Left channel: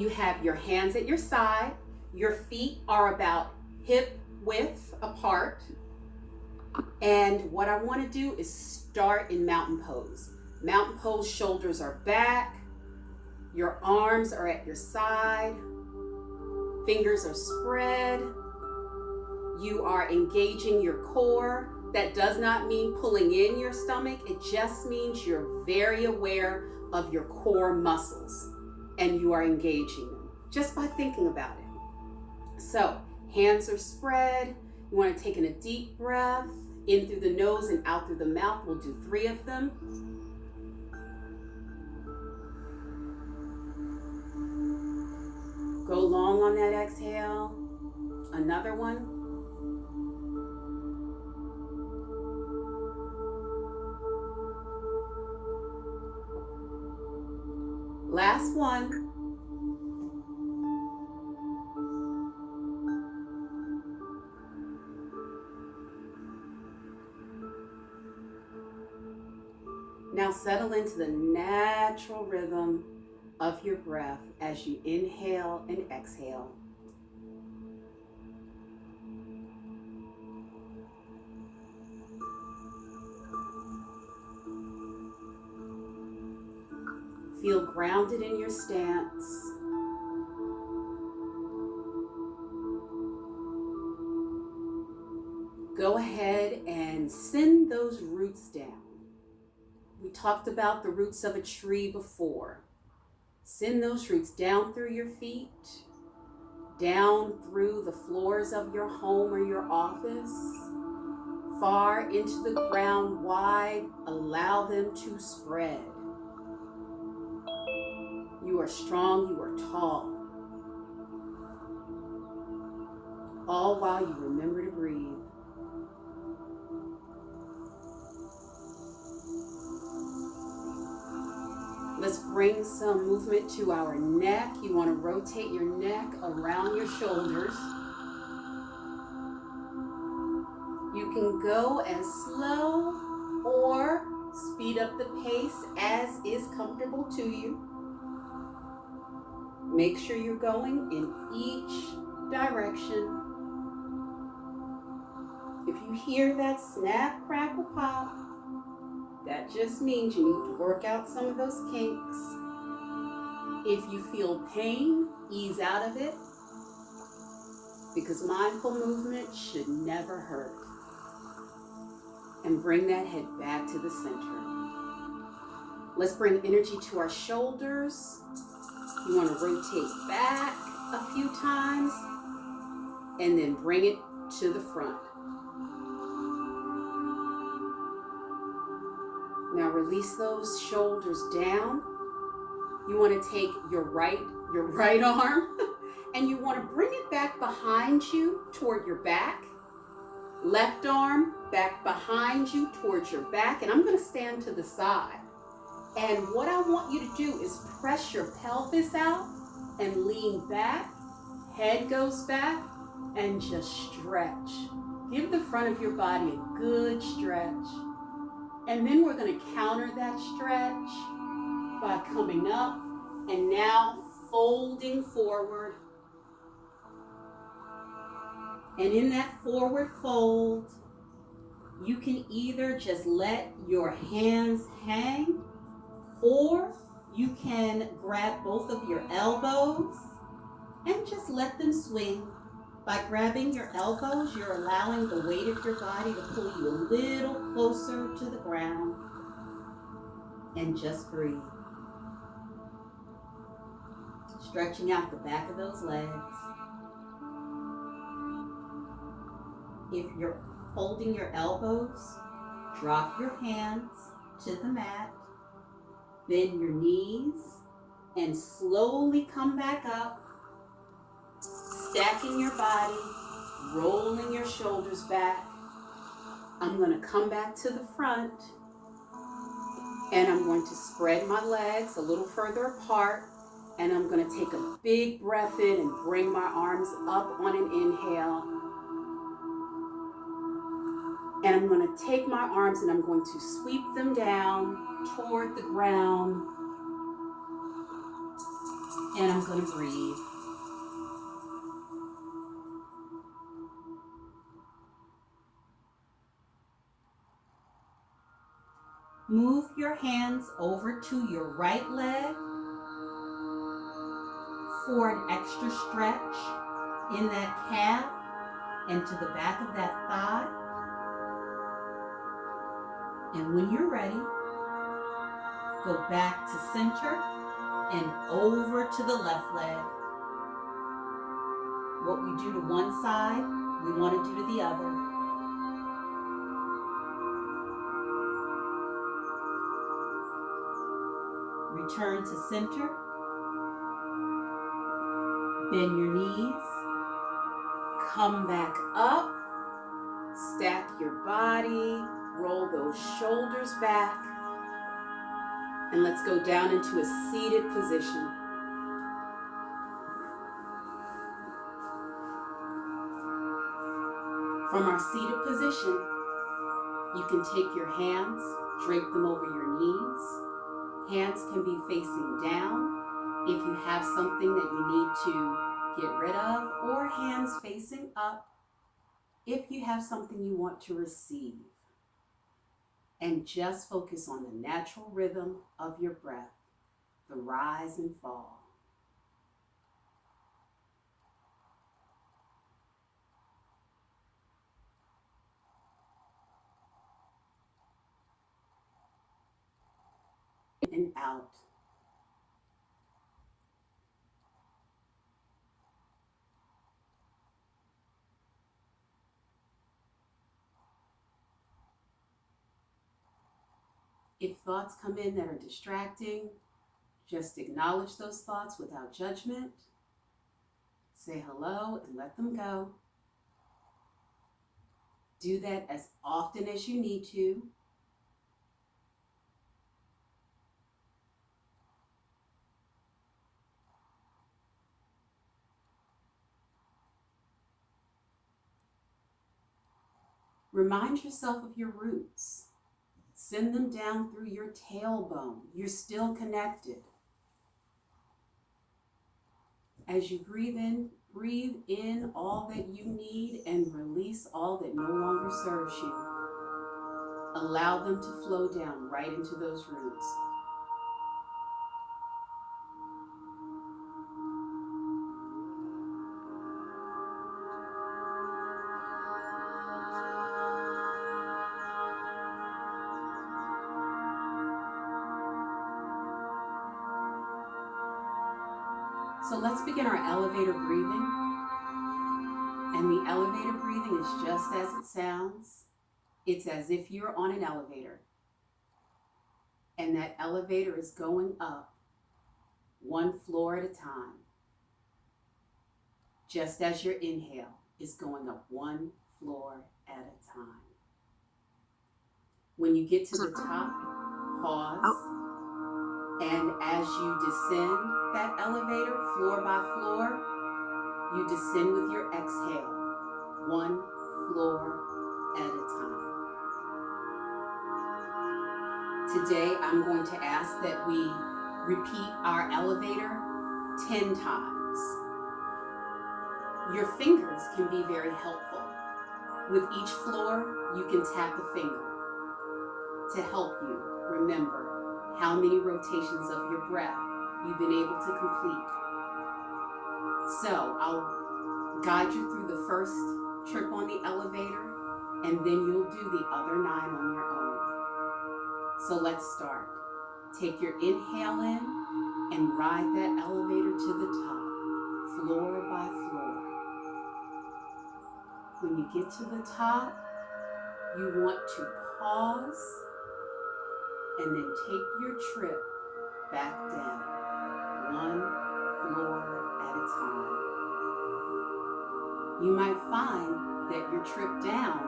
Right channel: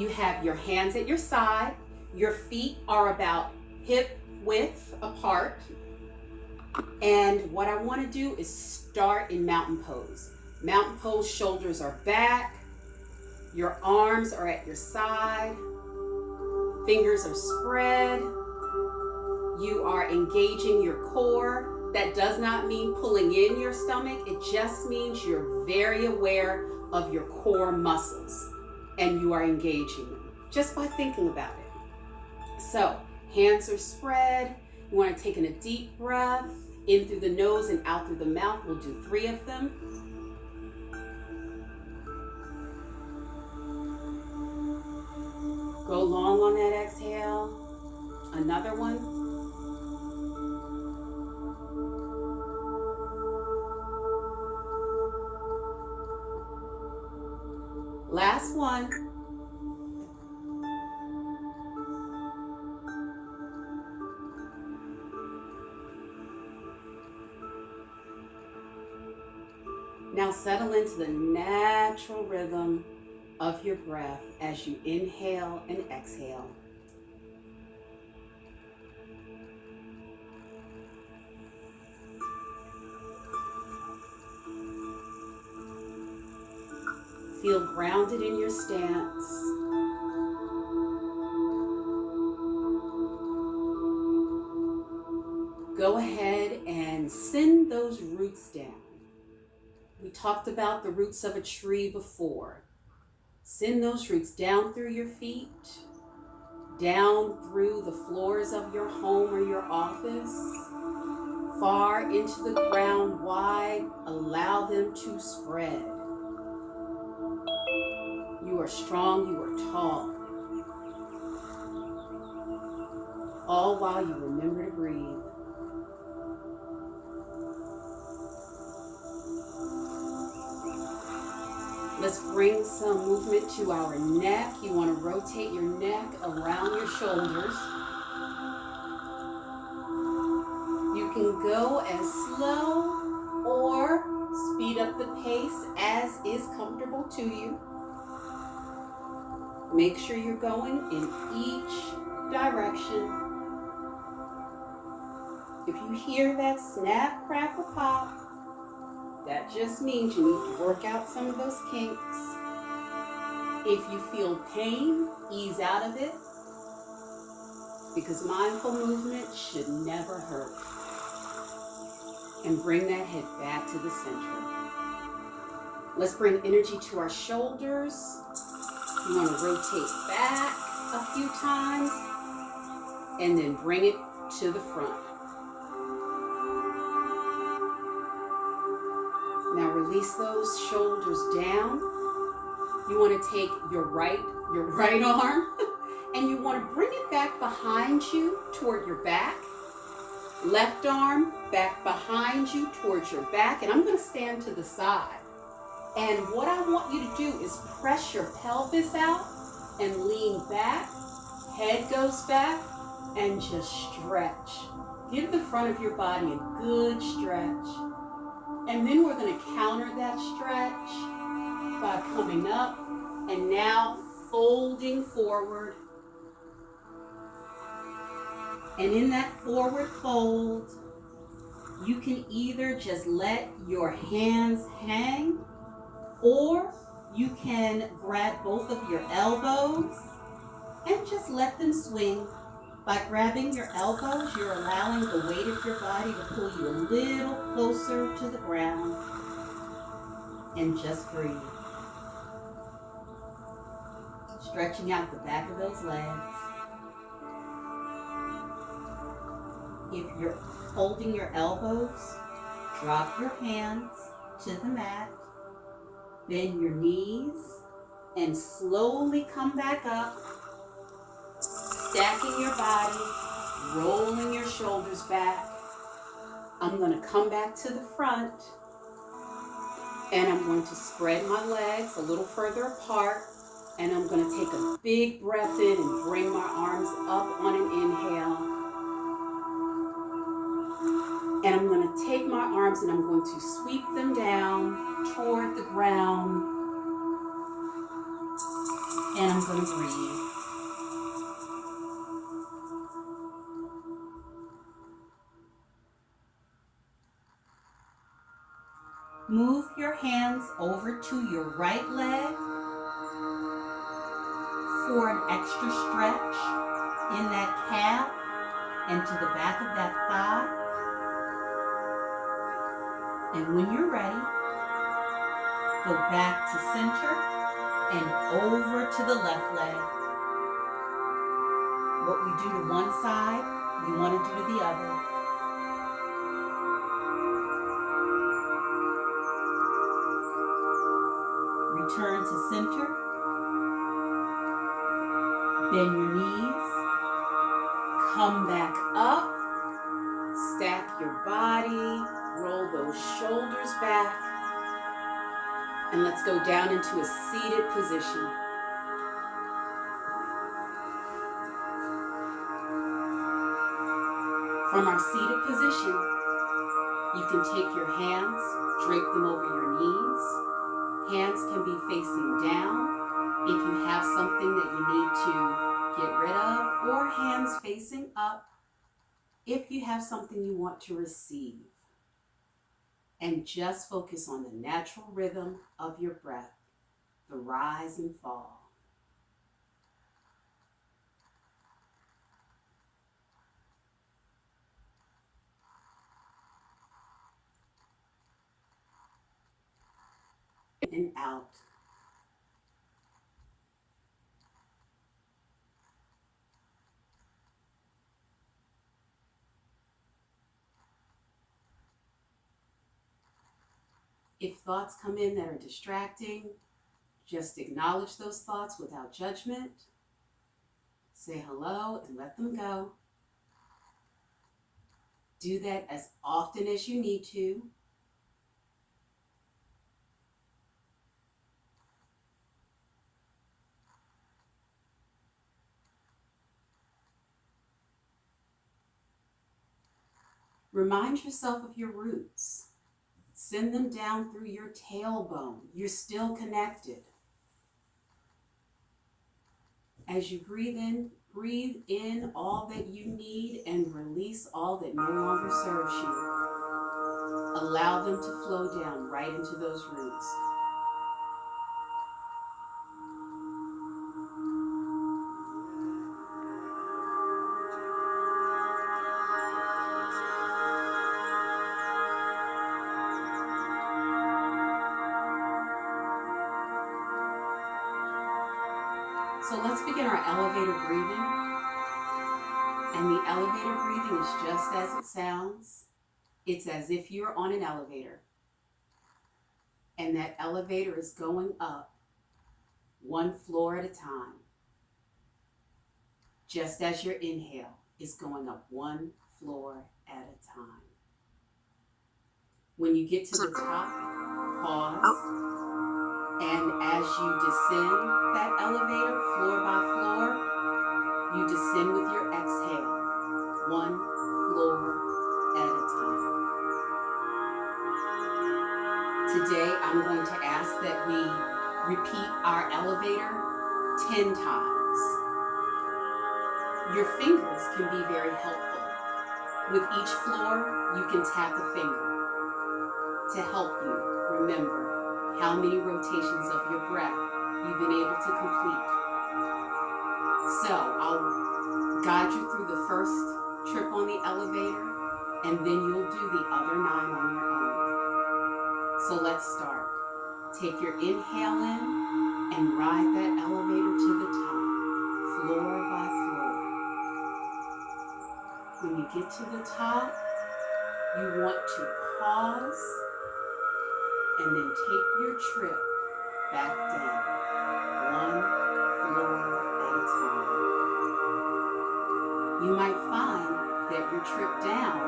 You have your hands at your side. Your feet are about hip width apart. And what I want to do is start in mountain pose. Mountain pose, shoulders are back. Your arms are at your side. Fingers are spread. You are engaging your core. That does not mean pulling in your stomach. It just means you're very aware of your core muscles and you are engaging them just by thinking about it. So, hands are spread. You want to take in a deep breath in through the nose and out through the mouth. We'll do 3 of them. Go long on that exhale. Another one. Last one. Now settle into the natural rhythm of your breath as you inhale and exhale. Feel grounded in your stance. Go ahead and send those roots down. We talked about the roots of a tree before. Send those roots down through your feet, down through the floors of your home or your office, far into the ground wide. Allow them to spread. You are strong, you are tall. All while you remember to breathe. Let's bring some movement to our neck. You want to rotate your neck around your shoulders. You can go as slow or speed up the pace as is comfortable to you. Make sure you're going in each direction. If you hear that snap, crackle, pop, that just means you need to work out some of those kinks. If you feel pain, ease out of it, because mindful movement should never hurt. And bring that head back to the center. Let's bring energy to our shoulders. You want to rotate back a few times and then bring it to the front. Now release those shoulders down. You want to take your right arm and you want to bring it back behind you toward your back. Left arm back behind you towards your back. And I'm going to stand to the side. And what I want you to do is press your pelvis out and lean back. Head goes back and just stretch. Give the front of your body a good stretch. And then we're going to counter that stretch by coming up and now folding forward. And in that forward fold, you can either just let your hands hang, or you can grab both of your elbows and just let them swing. By grabbing your elbows, you're allowing the weight of your body to pull you a little closer to the ground. And just breathe. Stretching out the back of those legs. If you're holding your elbows, drop your hands to the mat. Bend your knees and slowly come back up. Stacking your body, rolling your shoulders back. I'm going to come back to the front and I'm going to spread my legs a little further apart, and I'm going to take a big breath in and bring my arms up on an inhale. And I'm going to take my arms and I'm going to sweep them down toward the ground. And I'm going to breathe. Move your hands over to your right leg for an extra stretch in that calf and to the back of that thigh. And when you're ready, go back to center and over to the left leg. What we do to one side, we want to do to the other. Return to center. Bend your knees. Come back up. Stack your body. Roll those shoulders back. And let's go down into a seated position. From our seated position, you can take your hands, drape them over your knees. Hands can be facing down if you have something that you need to get rid of, or hands facing up if you have something you want to receive. And just focus on the natural rhythm of your breath, the rise and fall. And out. If thoughts come in that are distracting, just acknowledge those thoughts without judgment. Say hello and let them go. Do that as often as you need to. Remind yourself of your roots. Send them down through your tailbone. You're still connected. As you breathe in all that you need and release all that no longer serves you. Allow them to flow down right into those roots. So let's begin our elevator breathing. And the elevator breathing is just as it sounds. It's as if you're on an elevator. And that elevator is going up one floor at a time. Just as your inhale is going up one floor at a time. When you get to the top, pause. And as you descend that elevator, floor by floor, you descend with your exhale, one floor at a time. Today, I'm going to ask that we repeat our elevator 10 times. Your fingers can be very helpful. With each floor, you can tap a finger to help you remember how many rotations of your breath you've been able to complete. So I'll guide you through the first trip on the elevator, and then you'll do the other 9 on your own. So let's start. Take your inhale in and ride that elevator to the top, floor by floor. When you get to the top, you want to pause and then take your trip back down, one floor at a time. You might find that your trip down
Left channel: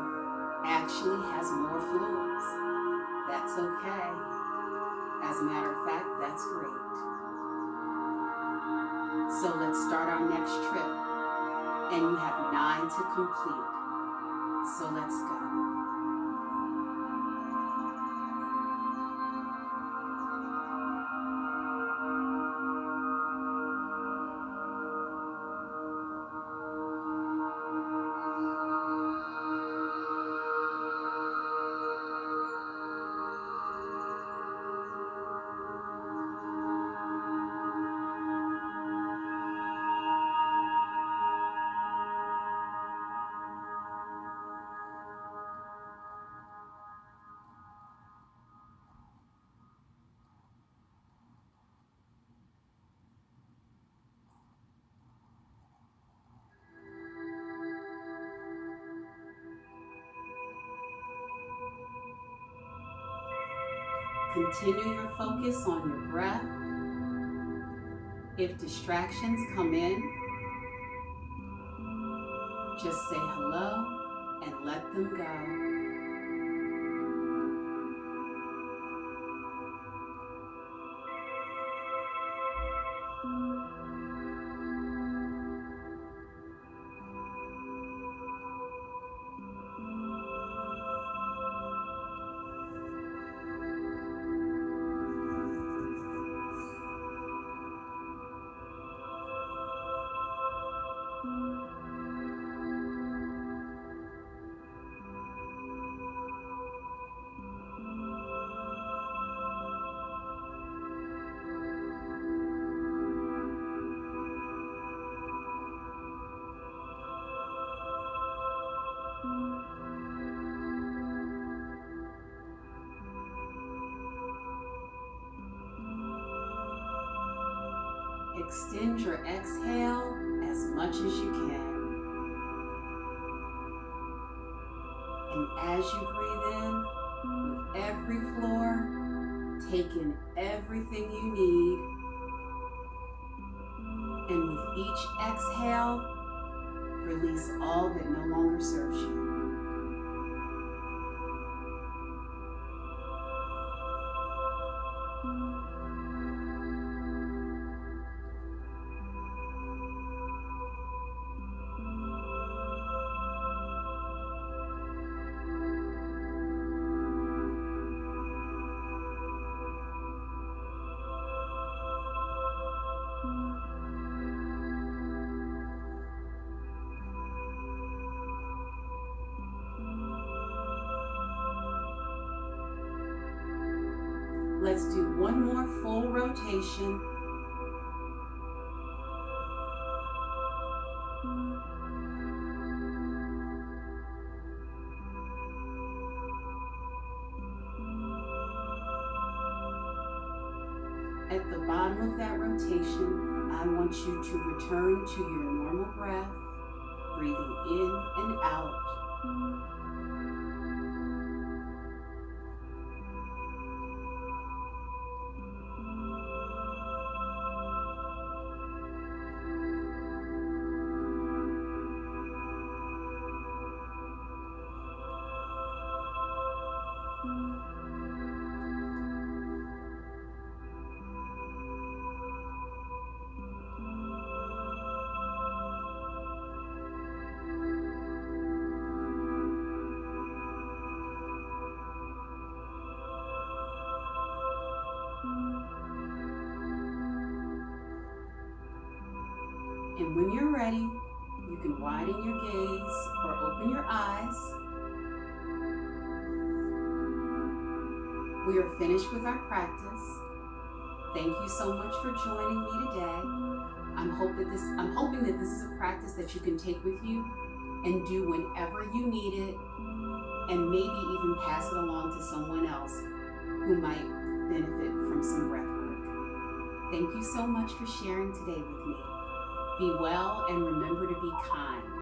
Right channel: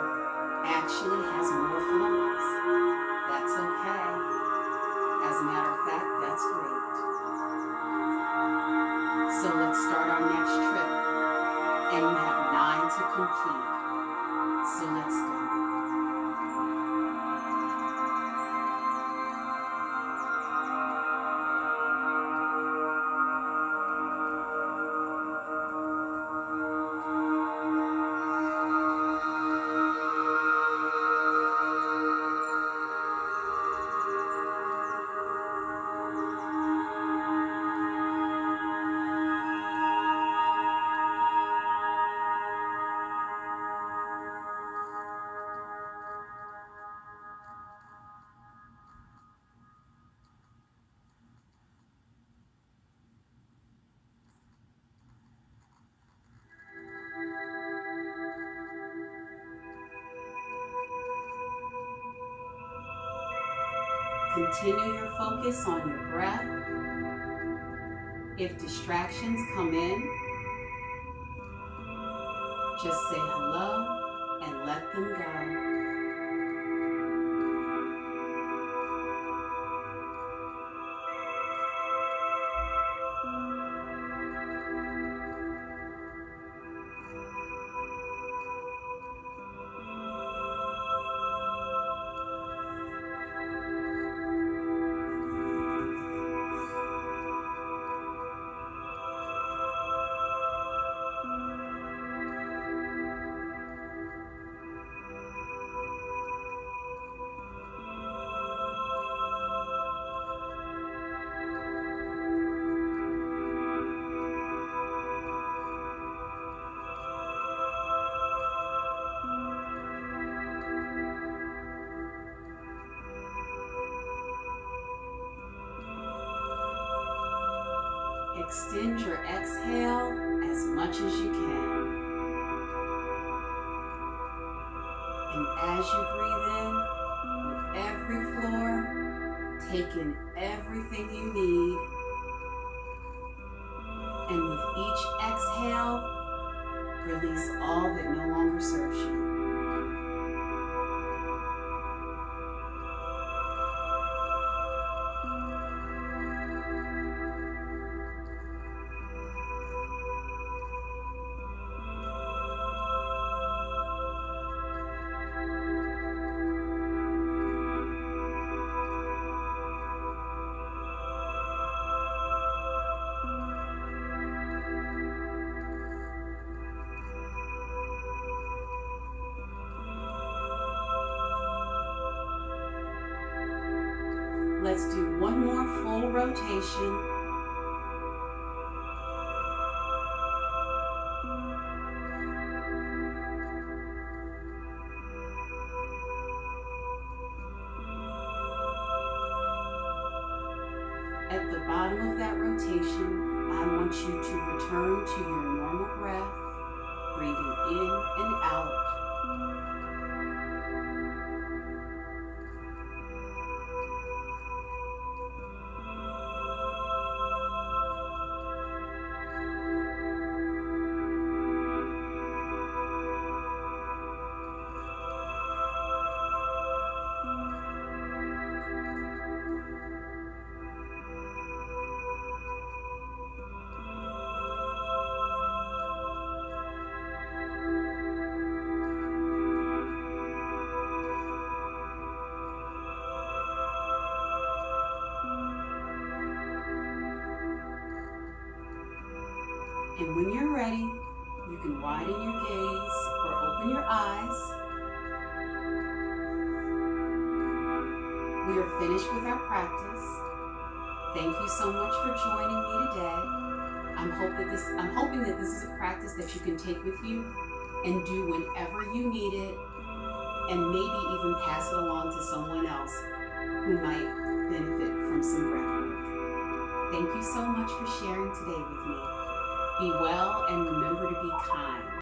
actually has more floors. That's okay. As a matter of fact, that's great. So let's start our next trip. And you have 9 to complete. So let's go. Continue your focus on your breath. If distractions come in, just say hello and let them go. Extend your exhale as much as you can. And as you breathe in, with every floor, take in everything you need. And with each exhale, release all that no longer serves you. Let's do one more full rotation. At the bottom of that rotation, I want you to return to your normal breath, breathing in and out. And when you're ready, you can widen your gaze or open your eyes. We are finished with our practice. Thank you so much for joining me today. I'm hoping that this is a practice that you can take with you and do whenever you need it, and maybe even pass it along to someone else who might benefit from some breath work. Thank you so much for sharing today with me. Be well and remember to be kind.